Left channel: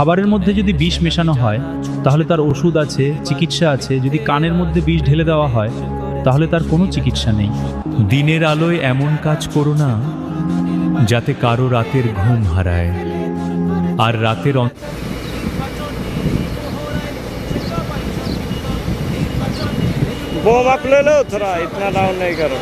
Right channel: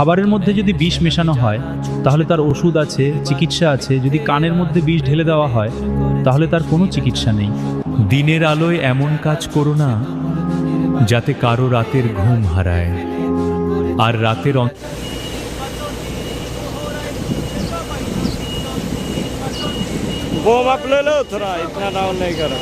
খাবারের মধ্যে যদি বিষ মেশানো হয় তাহলে তার ওষুধ আছে, চিকিৎসা আছে। যদি কানের মধ্যে বিষ ঢেলে দেওয়া হয় তাহলে তার কোনো চিকিৎসা নেই। দিনের আলোয় এমন কাজ করো না যাতে কারো রাতের ঘুম হারায়, আর রাতের वो आप ले लो, थोड़ा इतना डाउन नहीं करो।